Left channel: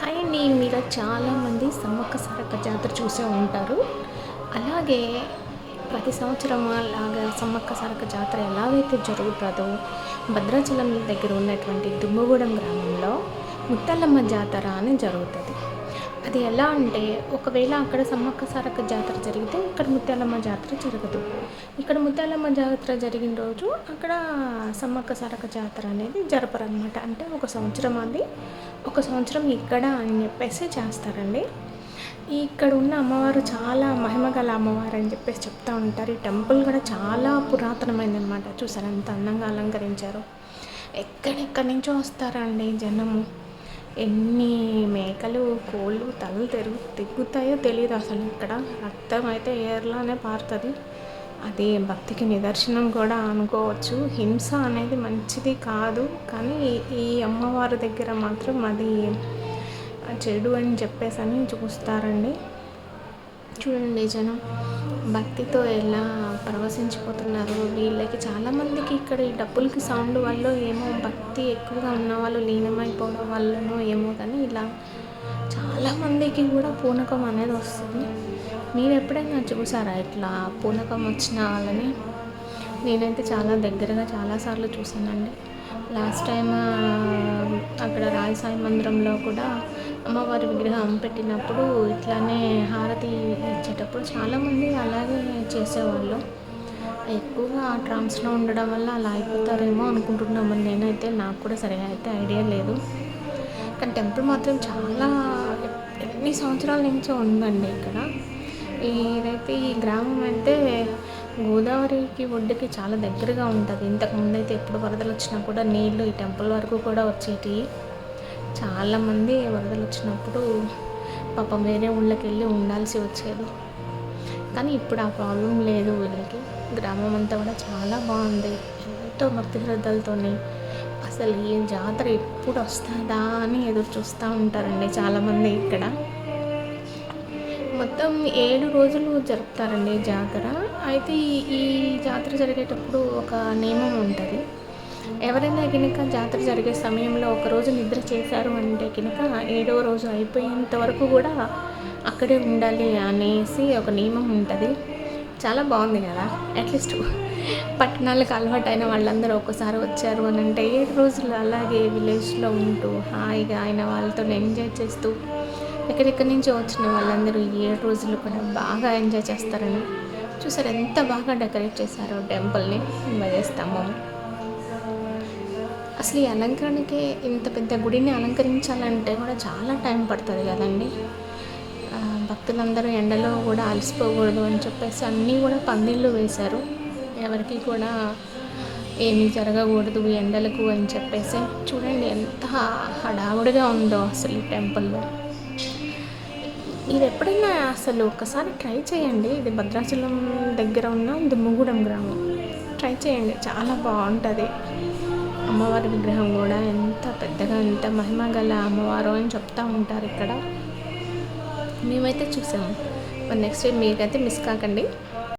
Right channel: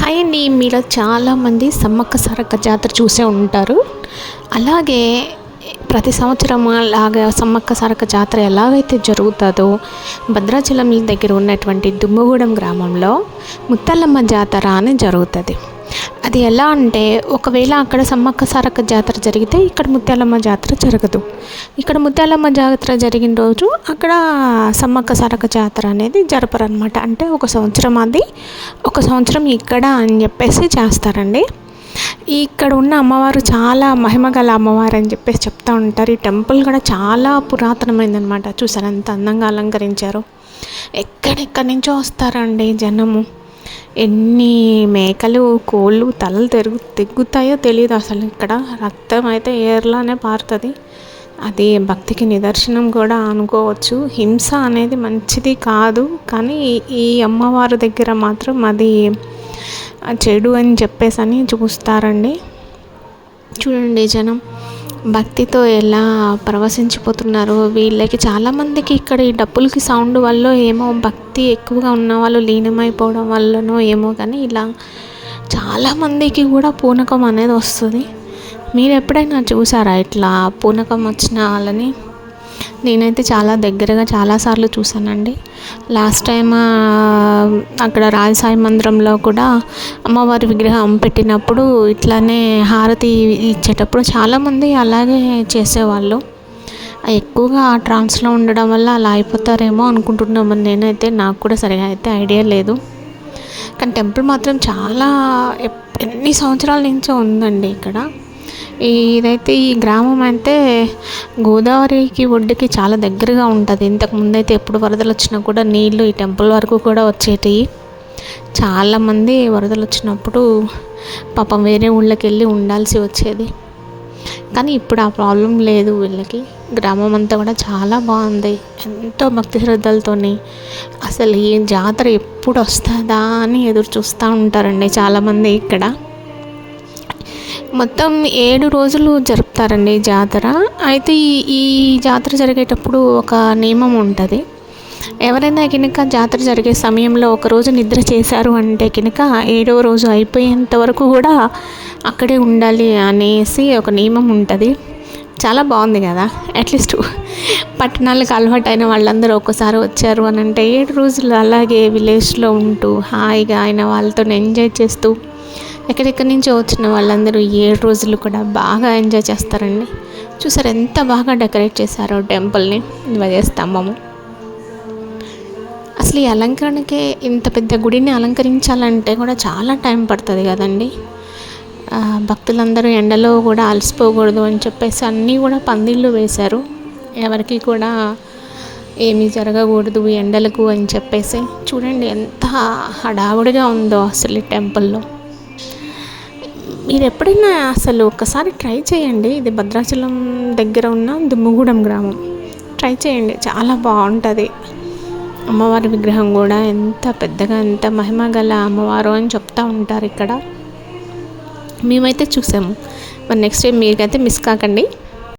Hi అండి. మీలో చాలామంది సమ్మక్క సారక్క జాతర చూసే ఉంటారు. అలాగే ప్రతి సంవత్సరం అలాగా సమ్మక్క సారక్క జాతర ఎలాగైతే జరుగుతుందో భద్రాచలం దగ్గర ఉన్నటువంటి దుమ్మగూడెం గ్రామంలో ముత్తల్లమ్మ జాతర అని జరుగుతుంది. అది ఎలా అంటే ఒకవేళ అక్కడ సమ్మక్క సారక్క జాతర జరిగితే ఇక్కడ ముత్యాలమ్మ జాతర జరగదు. ఇక్కడ ముత్యాలమ్మ జాతర జరిగిన రోజు అక్కడ సమ్మక్క సారక్క జాతర అనేది జరపరనమాట అంటే ఒక సంవత్సరం అది ఒక సంవత్సరం ఇక్కడ అని చెప్పేసి చేస్తారండి. ఇక్కడ ఉన్న అమ్మవారు చాలా మహిమగల అమ్మవారు అని చెప్పేసి చెప్తూ ఉంటారు. ఈ టెంపుల్ కూడా చాలా పురాతనమైందనమాట చూసారు ఎంత అందంగా అలంకరించారు. ఎక్కడెక్కడి నుంచో వస్తారండి జనము. ఎన్ని మేకలు కోళ్ళు తలలు తెరుగు తెగ్గుతాయో తెలియదు అసలు ఇక్కడ. రక్తం అయితే ఏర్లానే పారుతుంది. అది భక్తికి నిదర్శనం కూడా అనుకోవచ్చు. హింస అనేది మంచిది కాదు కానీ ఈ అమ్మవారి దగ్గర మాత్రం అది చెడు అని చెప్పేసి అని చూస్తారండి. చూడండి జనం. భక్తితో ఎలా ప్రవశించిపోతున్నారు? వీళ్ళకి చాలామందికి ఇక్కడ ఈ డబ్బులకి సౌండ్ వల్ల ఏమో భక్తి ఎక్కువగా ఉన్న వాళ్ళు లీనమైపోవడం వల్లనో ఏమో కానీ ఇలా చాలామందికి కూడా పూనకం అనేది వస్తుంది. మీరు ఎప్పుడైనా చూసారా ఇట్లా పూనకం వచ్చిన వాళ్ళని? నేనైతే చాలా దగ్గరగా చాలాసార్లు చూసానండి లాస్ట్ టైం అక్కడ రాజసాయి మందిరంలో కూడా అమ్మవారి విగ్రహం పెట్టినప్పుడు ఇట్లానే హారతి ఇచ్చేటప్పుడు చాలామంది అలాగే చేసేవాళ్ళు. ఎక్కువగా ఆ ట్రాన్స్లో ఉండడం వల్ల అలా అయిపోతారేమో అనుకుంటున్నామని నేనైతే నాకు కూడా సరిగా అయితే ఐడియా లేదు. కానీ టెంపుల్ మాత్రం చాలా ఎన్ని సంవత్సరాల నుంచో ఉందండి ఇక్కడ. ఇదైతే ఈ గ్రామం అయితే గోదావరికి ఒడ్డుకి చాలా దగ్గరగా ఉంటుంది. ఇంతకు ముందైతే ఎప్పుడు వరదలు వచ్చినా కూడా నీళ్ళు ఈ టెంపుల్ వరకు కూడా వచ్చేటివి చాలామంది వరదలు వచ్చినప్పుడు పాపం వేరే ఊళ్ళకి వెళ్ళి ఉండాల్సి వచ్చేది. కానీ ఇప్పుడు ఆ ప్రాబ్లం లేదు వీళ్ళకి. గ్రామం అంతా కూడా చాలా బాగుంది. ఎంతో భక్తి శ్రద్ధలతోని అసలు ఈ జాతర ఎప్పుడు వస్తుందా అని ఎదురు చూస్తూ ఉంటారండి చాలామంది ఇక్కడ. మొత్తం ఏడు రోజులు జరుపుతారండి జాతర. అయితే ఈ ఈ జాతర జరిగేటప్పుడు ఒక నియమం ఉంటుంది. ఎవరైనా కనుక జాతర జరిగే సమయంలో ఒకరోజు నిద్ర చేశారు అంటే కనుక ఏడవ రోజు అయిపోయేంత వరకు కూడా అక్కడే ఉండాలి అనేసి ఒక నియమం ఉంటుంది. చాలా బాగుంది కదా. అట్లీస్ట్ పట్టణాలకు అలవాటు అయిన వాళ్ళందరూ ఒక్కసారి వచ్చారు అని అంటే ఏడు రోజులు అలాగే విలేజ్లో ఉంటూ హాయిగా ఆయన వాళ్ళతో ఎంజాయ్ చేస్తూ ఎక్కడెక్కడి నుంచో వచ్చిన వాళ్ళందరూ ఏడు రోజులు కూడా బాగా ఎంజాయ్ చేస్తారండి. చూసారు ఎంత బాగా డెకరేట్ చేశారో టెంపుల్ని ధ్వజస్తంభము అసలు ఈ అలంకరణకే ఇంత పెద్ద గుడిని అలంకరించాలంటే కూడా చాలా టైం పడుతుంది కదండి. భక్తులందరూ ఎండలో కూడా అలసిపోకూడదు అని చెప్పేసి అన్నీ కూడా పందిళ్ళు వేశారు. ఎవరికి కూడా ఏమీ జరగకూడదు ఎండలకు అని చెప్పేసి. చూడండి ఎంత హడావుడిగా ఉందో అసలు ఈ టెంపుల్లో. మీరు ఎప్పుడైనా అసలు ఒకసారి ట్రై చేయండి. ఇది భద్రాచలం దగ్గర ఉన్న దుమ్ముగూడెం గ్రామం. ట్రై చేయండి. చాలా బాగుంటుంది. అమ్మవారి విగ్రహం కూడా ఎంత పెద్దగా ఎంత మహిమ గల అమ్మవారు అని చెప్తూ ఉంటారు ఇక్కడ. మేమైతే చూసాము. మరి నెక్స్ట్ టైం మీకైతే మిస్ కాకండి.